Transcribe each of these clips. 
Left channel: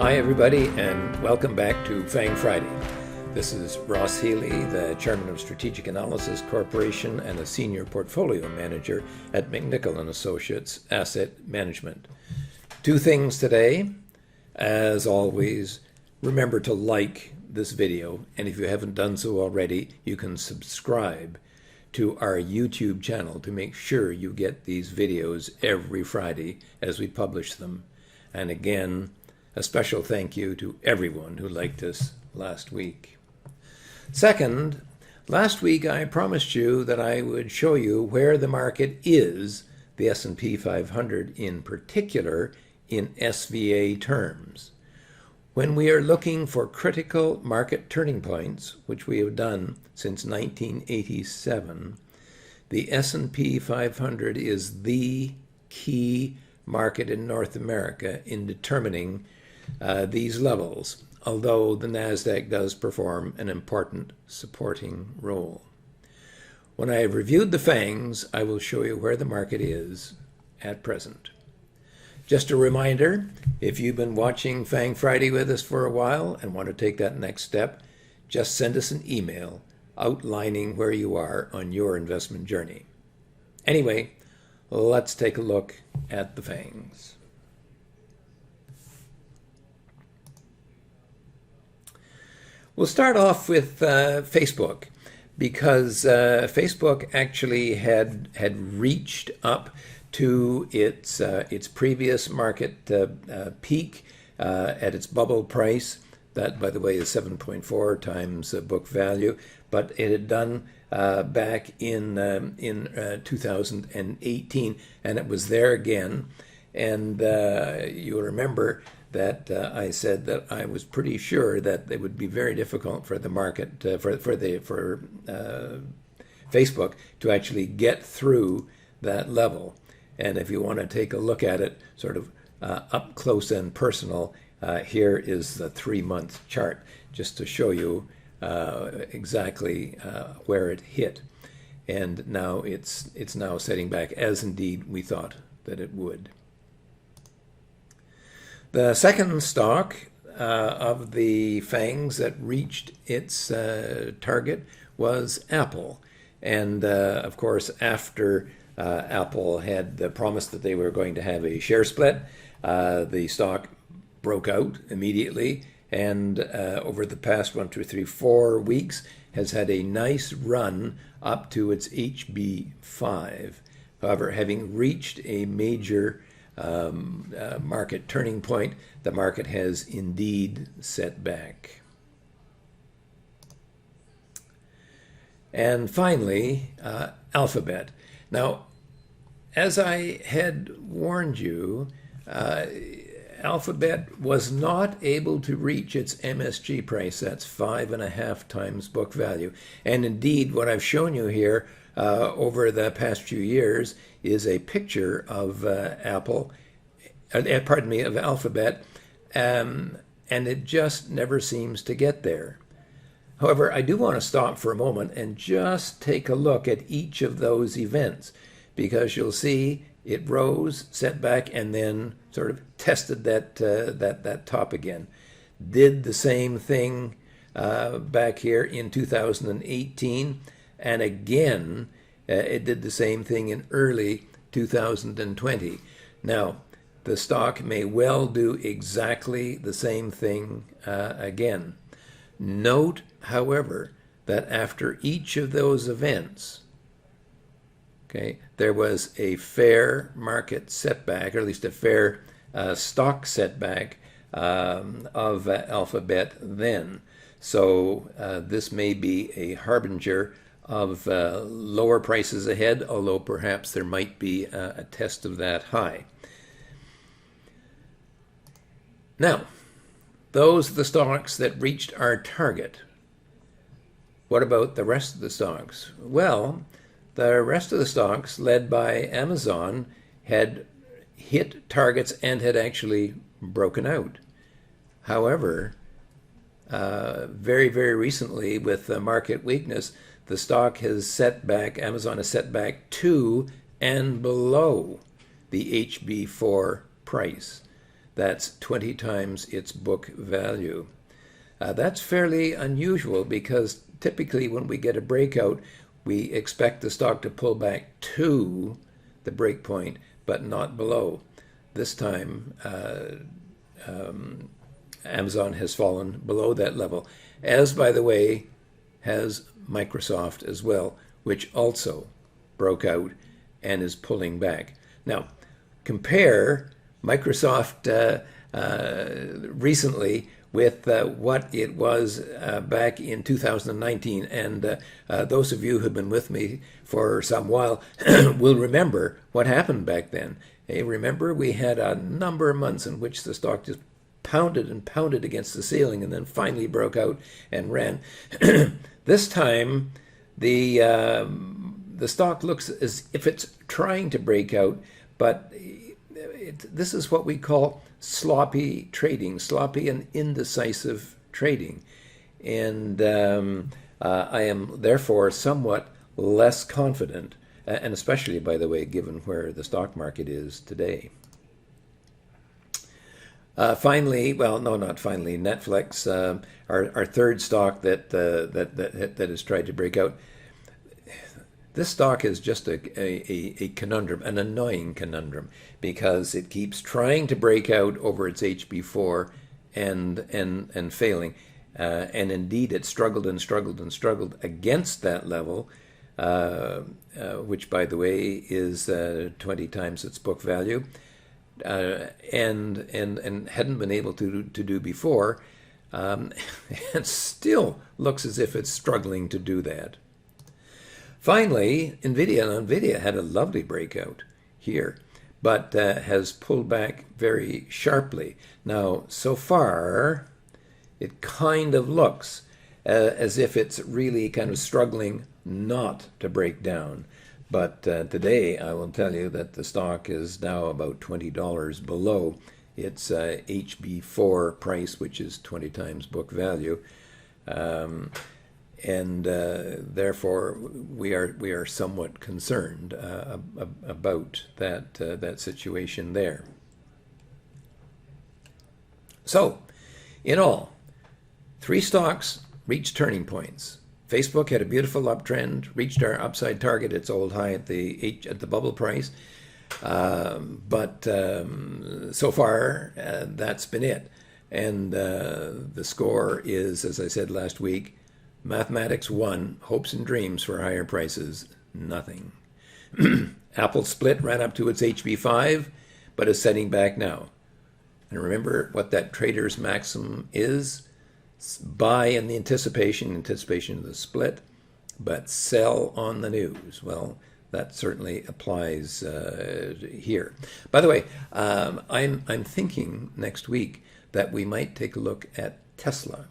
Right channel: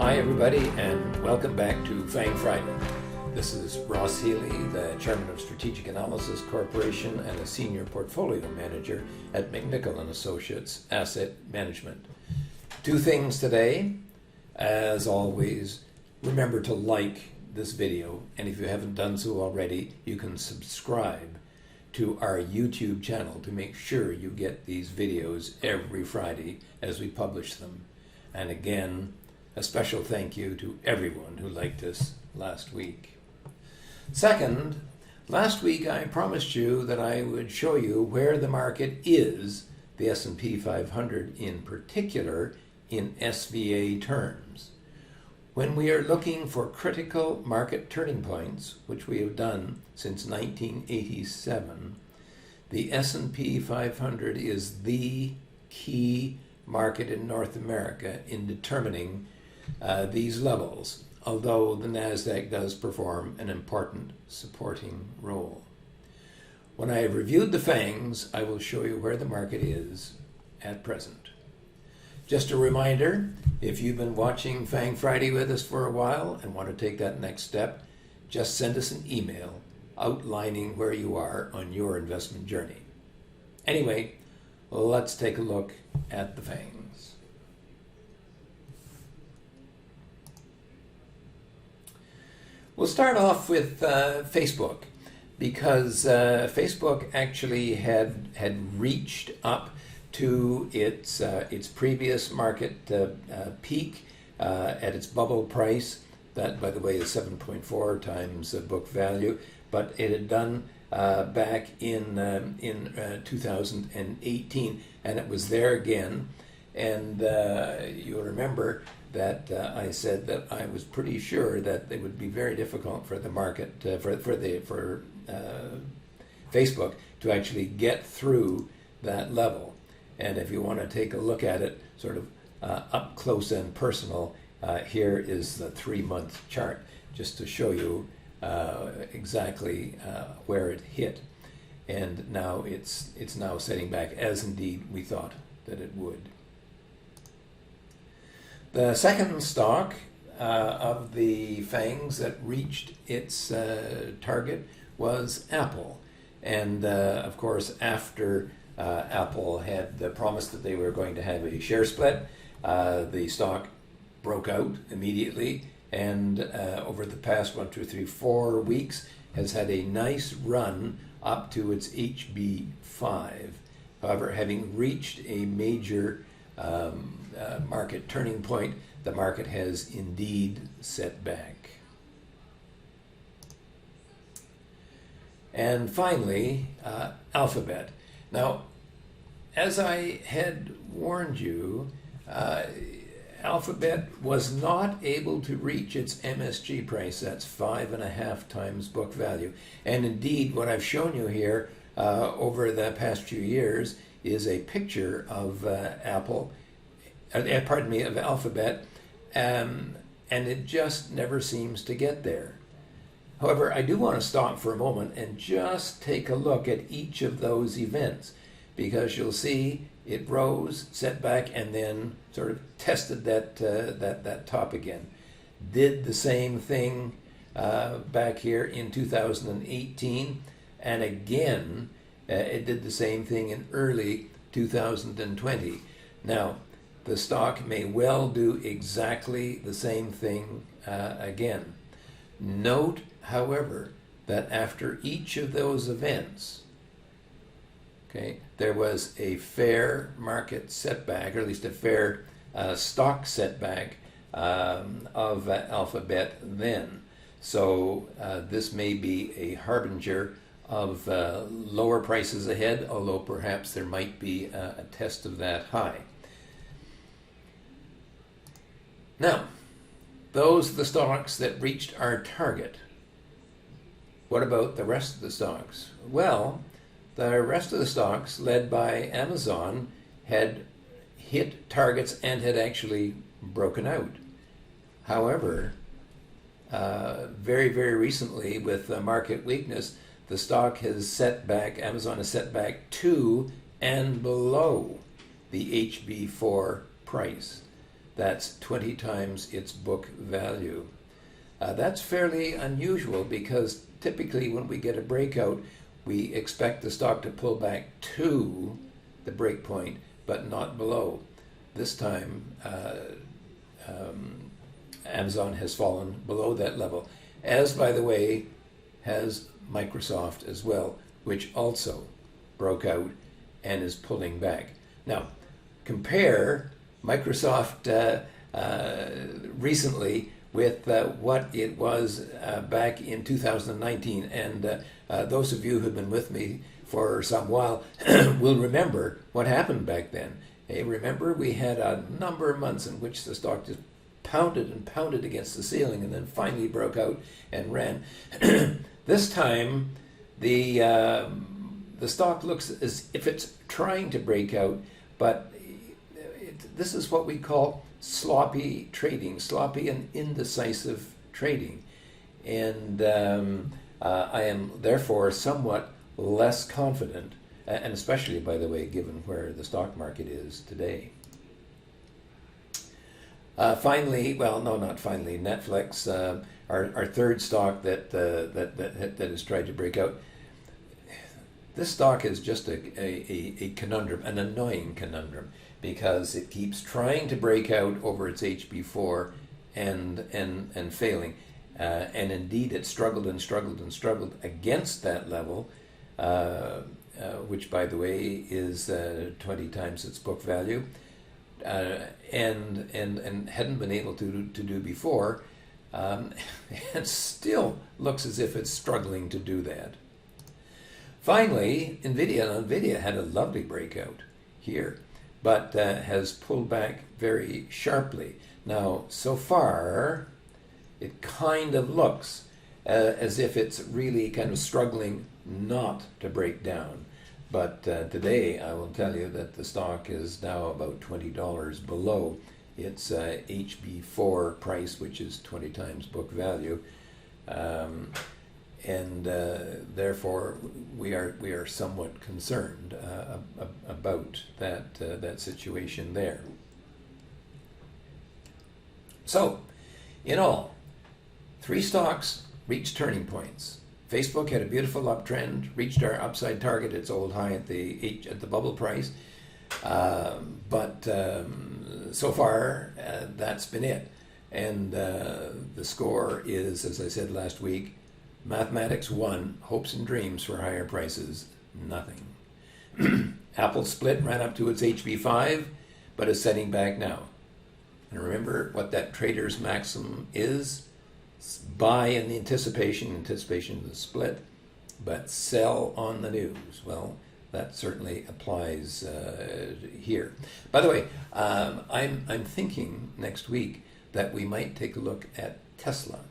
Hi everybody, and welcome back to FANG Friday. This is Ross Healy, the Chairman of Strategic Analysis Corporation and a Senior Portfolio Manager at McNichol & Associates Asset Management. Two things today. As always, remember to like this video, and if you haven't done so already, you can subscribe to our YouTube channel to make sure you get these videos every Friday as we publish them. And again, a special thank you to everyone who liked us last week. Second, last week I promised you that I would show you where the market is, the S&P 500 in particular, in SVA terms. When we are looking for critical market turning points, which we have done since 1987, the S&P 500 is the key market in North America in determining these levels, although the NASDAQ does perform an important supporting role. When I have reviewed the FANGs, I will show you where the market is at present. Just a reminder, if you've been watching FANG Friday with us for a while and want to take that next step, just send us an email outlining where you are on your investment journey. Anyway, let's take a look at the FANGs. We'll start off with Facebook, because Facebook actually had reached up to its previous market peak at its bubble price. That, by the way, is 7.4 times book value, but it had done back in 2018, and it was there again. And you'll remember that I said that I was pretty sure that it would be very difficult for the market, for Facebook to actually get through that level. And if you want to take a look at it sort of up close and personal, here is the 3-month chart, just to show you exactly where it hit. And now it's now setting back, as indeed we thought that it would. The second stock of the FANGs that reached its target was Apple. And of course, after Apple had promised that they were going to have a share split, the stock broke out immediately, and over the past 1, 2, 3, 4 weeks has had a nice run up to its HB5. However, having reached a major market turning point, the market has indeed set back. And finally, Alphabet. Now, as I had warned you, Alphabet was not able to reach its MSG price. That's 5.5 times book value. And indeed, what I've shown you here over the past few years is a picture of of Alphabet, and it just never seems to get there. However, I do want to stop for a moment and just take a look at each of those events, because you'll see it rose, set back, and then sort of tested that top again. Did the same thing back here in 2018, and again it did the same thing in early 2020. Now, the stock may well do exactly the same thing again. Note, however, that after each of those events, okay, there was a fair market setback, or at least a fair stock setback of Alphabet then. So this may be a harbinger of lower prices ahead, although perhaps there might be a test of that high. Now, those are the stocks that reached our target. What about the rest of the stocks? Well, the rest of the stocks, led by Amazon, had hit targets and had actually broken out. However, very, very recently, with the market weakness, the stock has set back, Amazon has set back to and below the HB4 price. That's 20 times its book value. That's fairly unusual because typically when we get a breakout, we expect the stock to pull back to the break point, but not below. This time, Amazon has fallen below that level, as, by the way, has Microsoft as well, which also broke out and is pulling back. Now, compare Microsoft recently with what it was back in 2019. And those of you who have been with me for some while will remember what happened back then. Hey, remember, we had a number of months in which the stock just pounded and pounded against the ceiling and then finally broke out and ran. This time, the stock looks as if it's trying to break out, but this is what we call sloppy trading, sloppy and indecisive trading. And I am therefore somewhat less confident, and especially, by the way, given where the stock market is today. Finally, well, no, not finally, Netflix, our third stock that has tried to break out. This stock is just a conundrum, an annoying conundrum, because it keeps trying to break out over its HB4 and failing. And indeed, it struggled and struggled and struggled against that level, which, by the way, is 20 times its book value, and hadn't been able to do before. It still looks as if it's struggling to do that. Finally, NVIDIA had a lovely breakout here, but has pulled back very sharply. Now, so far, it kind of looks as if it's really kind of struggling not to break down. But today, I will tell you that the stock is now about $20 below its HB4 price, which is 20 times book value. And therefore, we are somewhat concerned about that situation there. So, in all, 3 stocks reached turning points. Facebook had a beautiful uptrend, reached our upside target, its old high at the bubble price. But so far, that's been it. And the score is, as I said last week, mathematics 1, hopes and dreams for higher prices, nothing. Apple split, ran up to its HB5, but is setting back now. And remember what that trader's maxim is: buy in the anticipation of the split, but sell on the news. Well, that certainly applies here. By the way, I'm thinking next week that we might take a look at Tesla,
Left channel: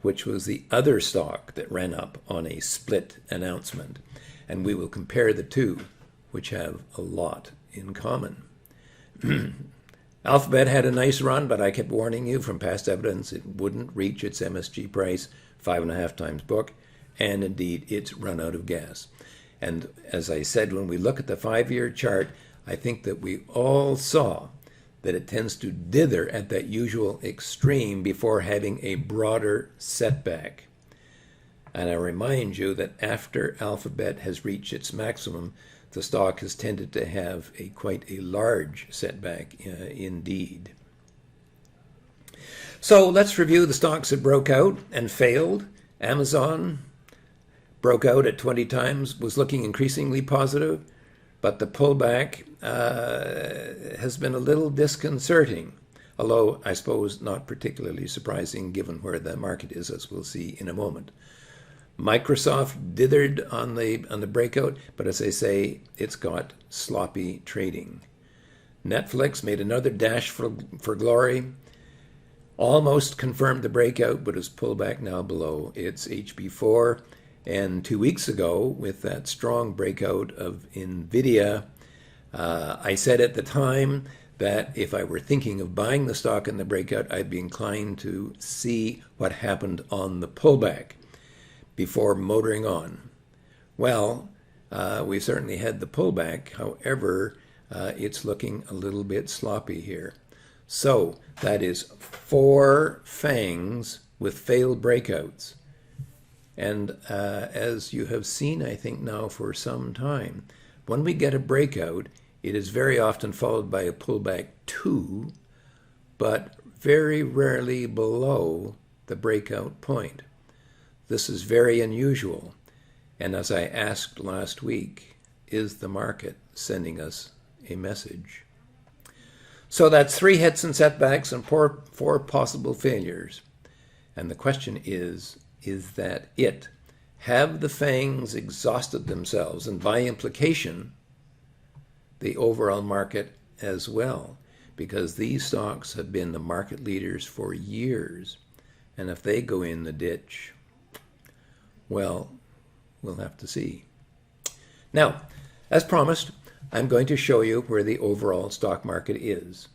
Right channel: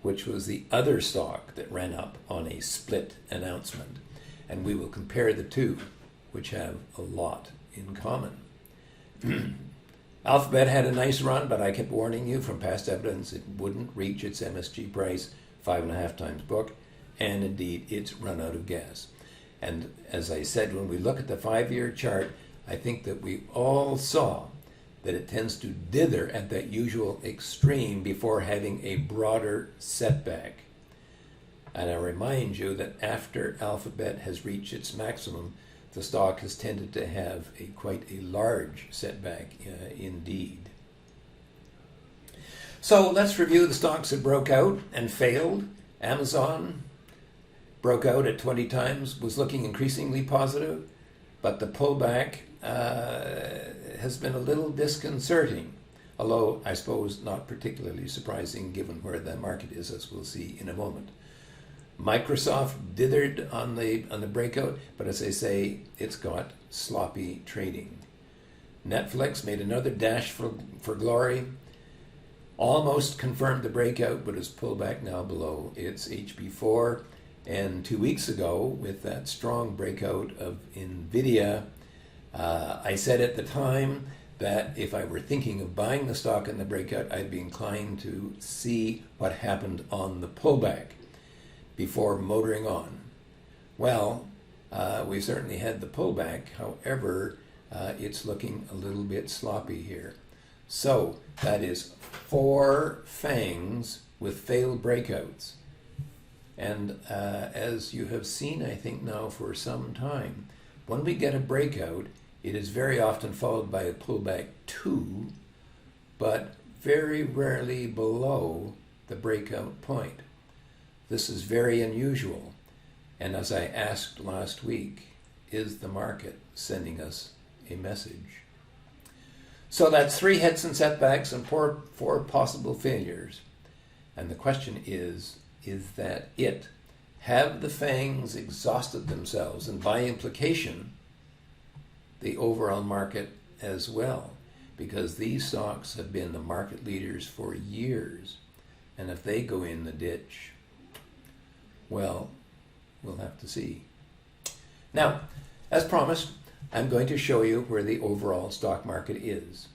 which was the other stock that ran up on a split announcement. And we will compare the two, which have a lot in common. Alphabet had a nice run, but I kept warning you from past evidence it wouldn't reach its MSG price, 5.5 times book, and indeed it's run out of gas. And as I said, when we look at the 5-year chart, I think that we all saw that it tends to dither at that usual extreme before having a broader setback. And I remind you that after Alphabet has reached its maximum, the stock has tended to have quite a large setback indeed. So let's review the stocks that broke out and failed. Amazon broke out at 20 times, was looking increasingly positive, but the pullback has been a little disconcerting, although I suppose not particularly surprising given where the market is, as we'll see in a moment. Microsoft dithered on the breakout, but as I say, it's got sloppy trading. Netflix made another dash for glory, almost confirmed the breakout, but has pulled back now below its HB4. And 2 weeks ago, with that strong breakout of NVIDIA, I said at the time that if I were thinking of buying the stock in the breakout, I'd be inclined to see what happened on the pullback before motoring on. Well, we certainly had the pullback. However, it's looking a little bit sloppy here. So that is 4 FANGs with failed breakouts. And as you have seen, I think now for some time, when we get a breakout, it is very often followed by a pullback to, but very rarely below the breakout point. This is very unusual. And as I asked last week, is the market sending us a message? So that's 3 hits and setbacks and 4 possible failures. And the question is that it? Have the FANGs exhausted themselves, and by implication, the overall market as well? Because these stocks have been the market leaders for years. And if they go in the ditch, well, we'll have to see. Now, as promised, I'm going to show you where the overall stock market is.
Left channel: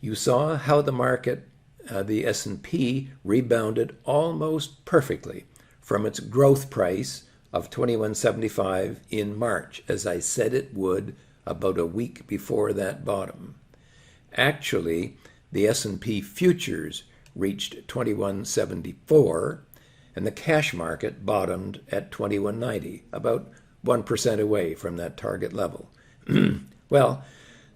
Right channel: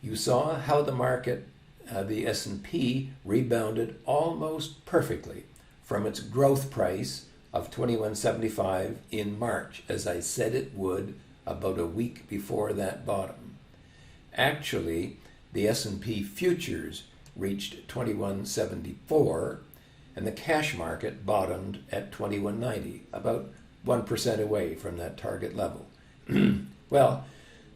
You saw how the market, the S&P, rebounded almost perfectly from its growth price of 21.75 in March, as I said it would about a week before that bottom. Actually, the S&P futures reached 21.74, and the cash market bottomed at 21.90, about 1% away from that target level. Well,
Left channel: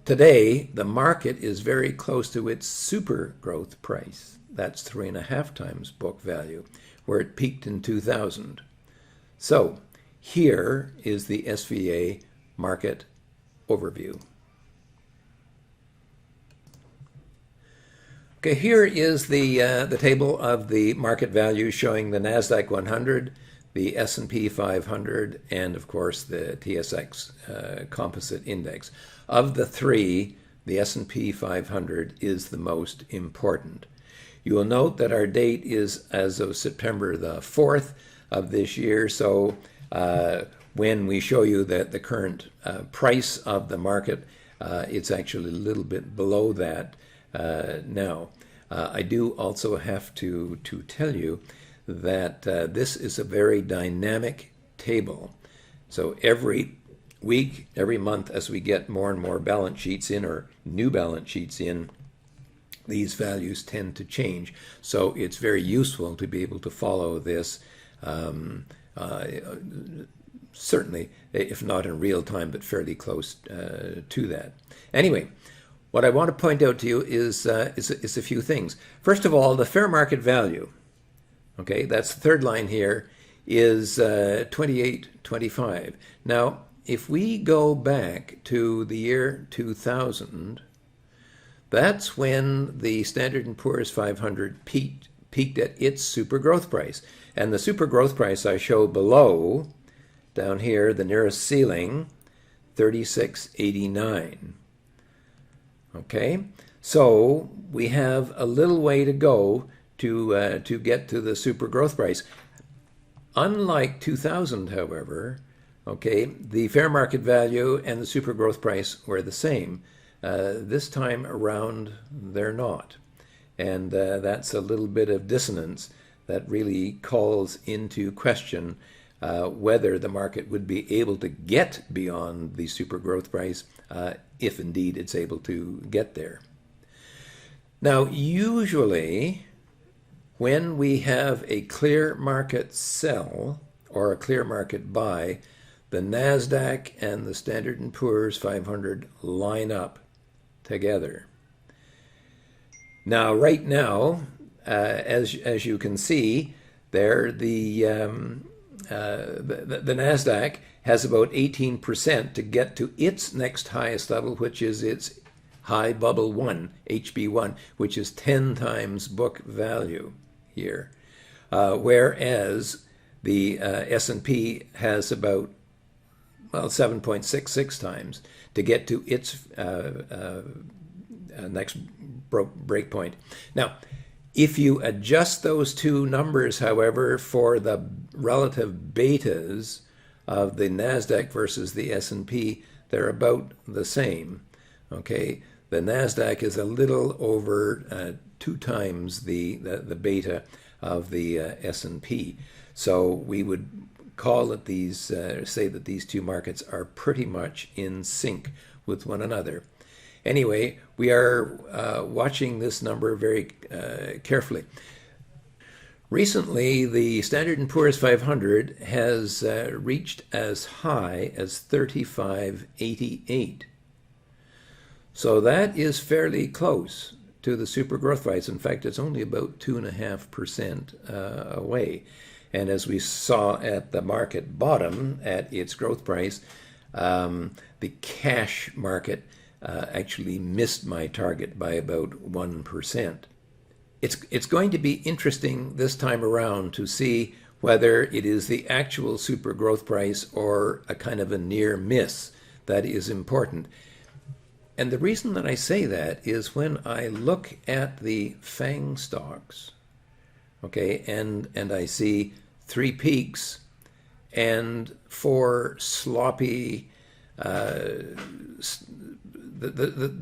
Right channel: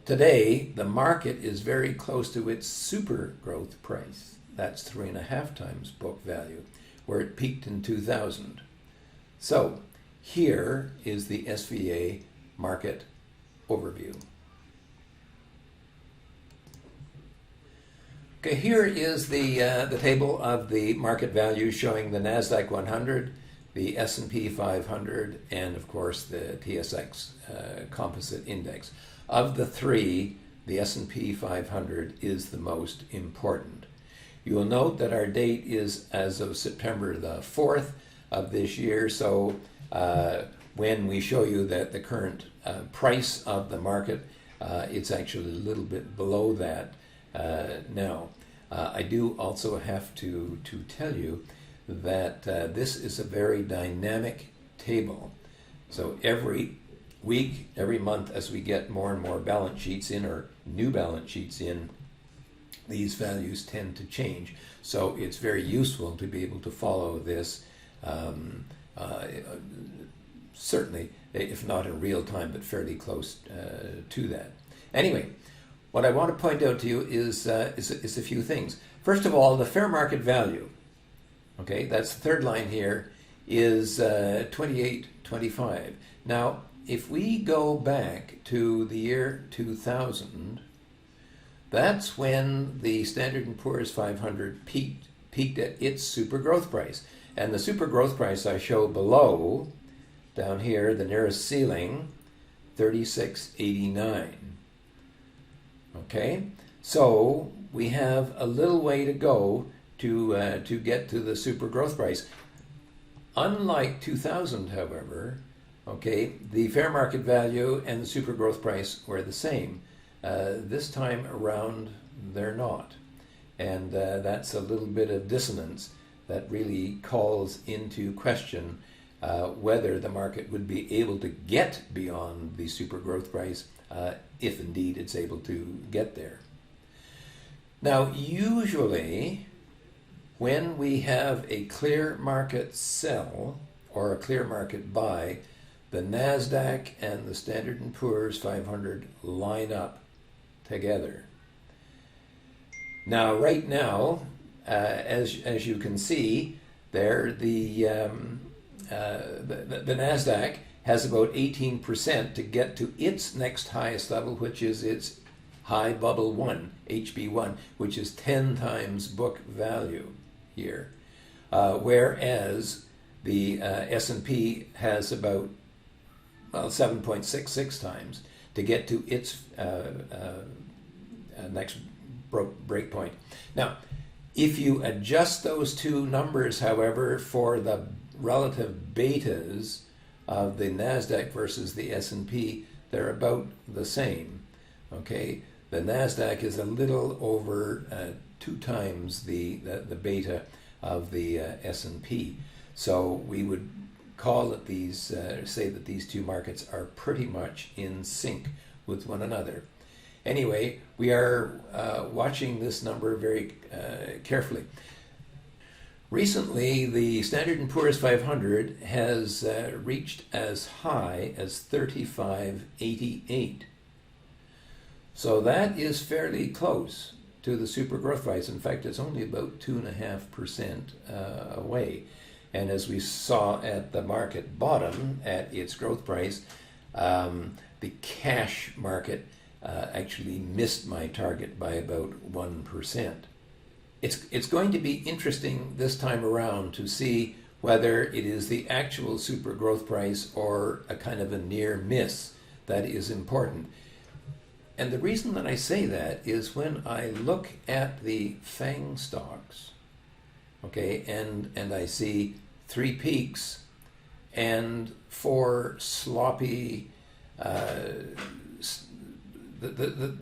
today the market is very close to its super growth price. That's 3.5 times book value, where it peaked in 2000. So here is the SVA market overview. Okay, here is the table of the market values showing the NASDAQ 100, the S&P 500, and of course the TSX Composite Index. Of the 3, the S&P 500 is the most important. You will note that our date is as of September the 4th of this year, so when we show you that the current price of the market, it's actually a little bit below that now. I do also have to tell you that this is a very dynamic table. So every week, every month, as we get more and more balance sheets in, or new balance sheets in, these values tend to change. So it's very useful to be able to follow this, certainly, if not in real time, but fairly close to that. Anyway, what I want to point out to you is a few things. First of all, the fair market value, okay, that's the third line here, is 28.25. Now, if we go back to the year 2000, that's when the Standard & Poor's 500 peaked at its super growth price. And the super growth price I show below, down here, the nearest ceiling, 36.89. Okay, so we have a little way to go to get to the super growth price. Unlike 2000, however, okay, the fair market value and the super growth price were the same. This time around, they're not. And that's a little bit of dissonance that really calls into question whether the market would be able to get beyond the super growth price, if indeed it's able to get there. Now, usually, when we have a clear market sell or a clear market buy, the NASDAQ and the Standard & Poor's 500 line up together. Now, right now, as you can see, there the NASDAQ has about 18% to get to its next highest level, which is its high bubble 1, HB1, which is 10 times book value here. Whereas the S&P has about, well, 7.66 times to get to its next break point. Now, if you adjust those two numbers, however, for the relative betas of the NASDAQ versus the S&P, they're about the same. Okay, the NASDAQ is a little over 2 times the beta of the S&P. So we would call it say that these two markets are pretty much in sync with one another. Anyway, we are watching this number very carefully. Recently, the Standard & Poor's 500 has reached as high as 35.88. So that is fairly close to the super growth price. In fact, it's only about 2.5% away. And as we saw at the market bottom at its growth price, the cash market actually missed my target by about 1%. It's going to be interesting this time around to see whether it is the actual super growth price or a kind of a near miss that is important. And the reason that I say that is when I look at the FANG stocks, okay, and I see 3 peaks and 4 sloppy, the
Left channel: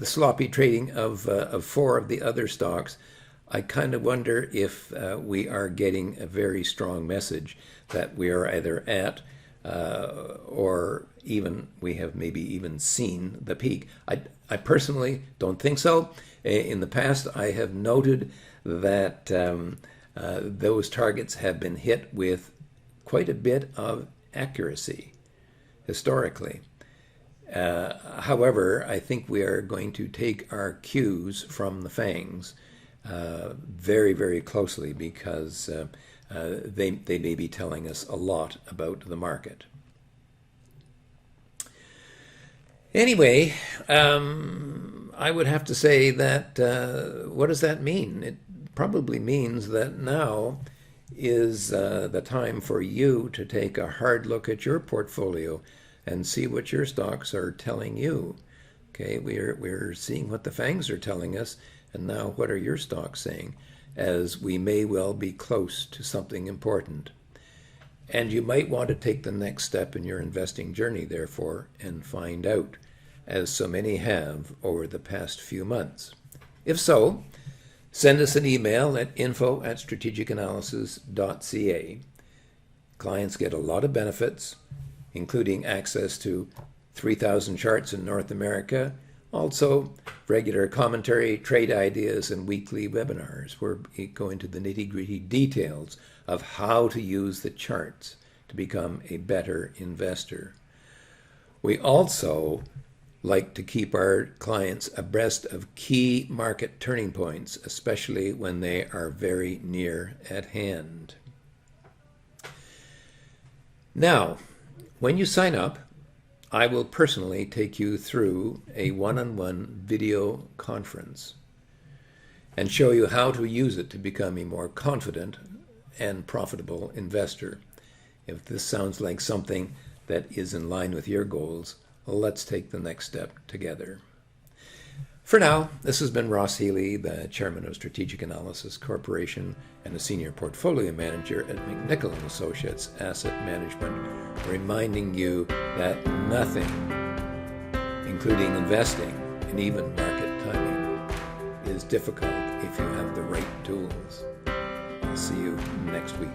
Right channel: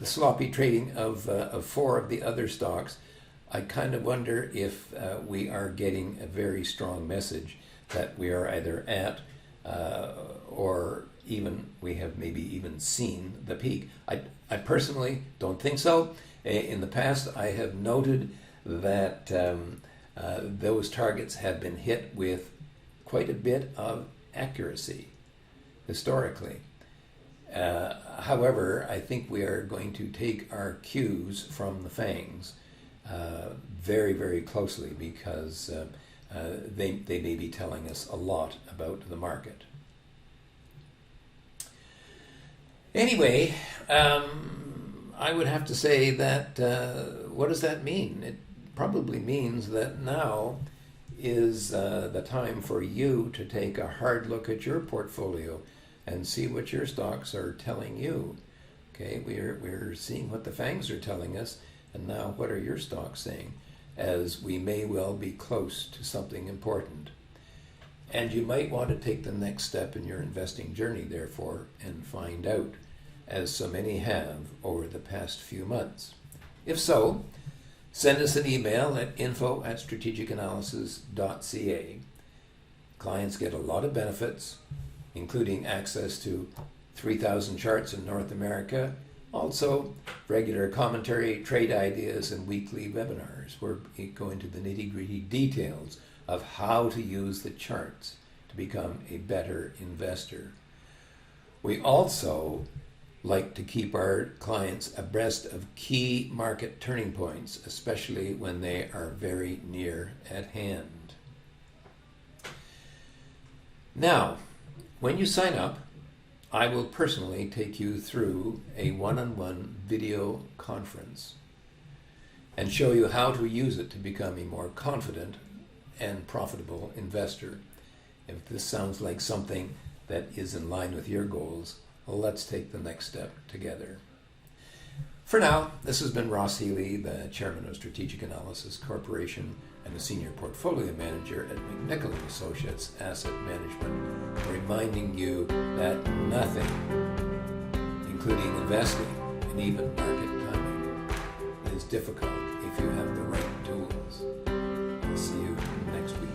sloppy trading of 4 of the other stocks, I kind of wonder if we are getting a very strong message that we are either at or even we have maybe even seen the peak. I personally don't think so. In the past, I have noted that those targets have been hit with quite a bit of accuracy historically. However, I think we are going to take our cues from the FANGs very, very closely because they may be telling us a lot about the market. Anyway, I would have to say that what does that mean? It probably means that now is the time for you to take a hard look at your portfolio and see what your stocks are telling you. Okay, we're seeing what the FANGs are telling us, and now what are your stocks saying, as we may well be close to something important. And you might want to take the next step in your investing journey, therefore, and find out, as so many have over the past few months. If so, send us an email at info@strategicanalysis.ca. Clients get a lot of benefits, including access to 3,000 charts in North America, also regular commentary, trade ideas, and weekly webinars where we go into the nitty-gritty details of how to use the charts to become a better investor. We also like to keep our clients abreast of key market turning points, especially when they are very near at hand. Now, when you sign up, I will personally take you through a one-on-one video conference and show you how to use it to become a more confident and profitable investor. If this sounds like something that is in line with your goals, well, let's take the next step together. For now, this has been Ross Healy, the chairman of Strategic Analysis Corporation and a senior portfolio manager at McNichol & Associates Asset Management, reminding you that nothing, including investing and even market timing, is difficult if you have the right tools. I'll see you next week.